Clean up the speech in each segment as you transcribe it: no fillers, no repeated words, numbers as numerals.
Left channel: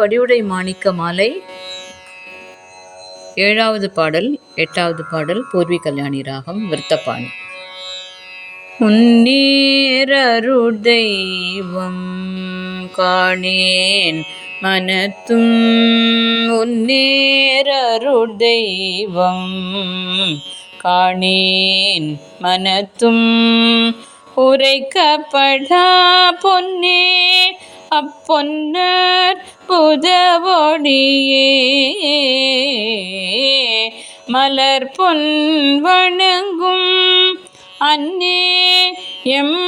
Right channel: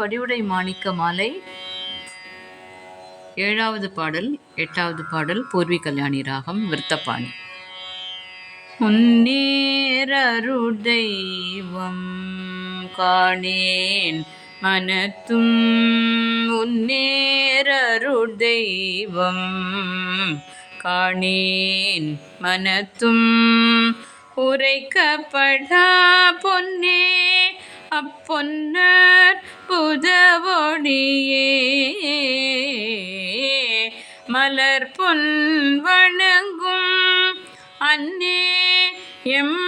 வடிவுடை மாணிக்க மாலை 7வது பாடல் 8வது பாடல் பூர்வி கல்யாணி ராகம் விருத்தபாணி. உன்னேரருள் தெய்வம் காணேன் மனத்தும் உன்னேரருள் தெய்வம் காணேன் மனத்தும் உரைக்கப்படா பொன்னே அப்பொன்னர் புதவொடியே மலர் பொன் வணங்கும் அன்னே எம்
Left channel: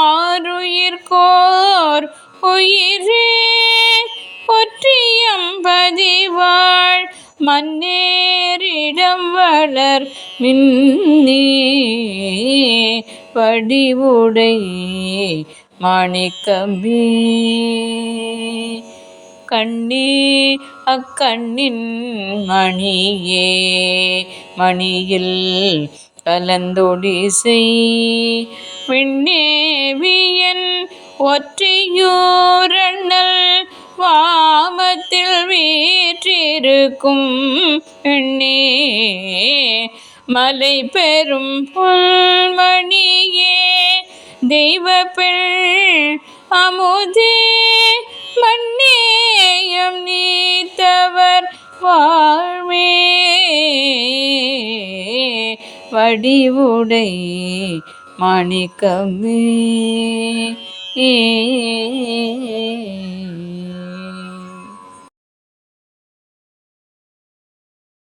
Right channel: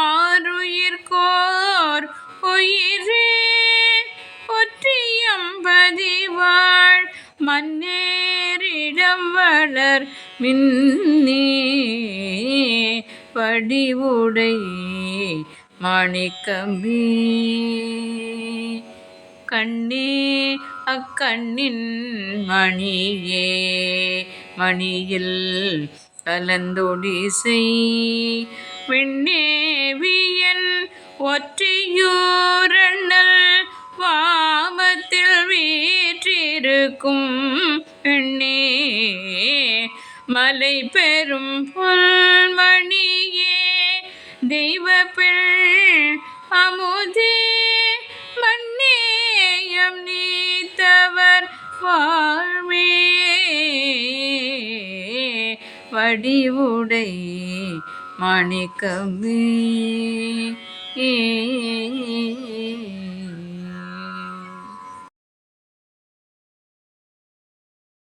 ஆருயிர்கோர் உயிரே ஒற்றியம்பதிவாள் மன்னேரிடம் வளர் மின்னே வடிவுடை மாணிக்கமே கண்ணே அக்கண்ணின் மணியே மணியில் கலந்தொடிசை விண்ணேவியன் ஒற்றையூரண்ணல் வாமத்தில் வீற்றிருக்கும் பெண்ணே மலை பெரும் புல்மணியே தெய்வ பெண் அமுதே மன்னேயம் நீத்தவர் வாழ்வே வடிவுடை மாணிக்கமே.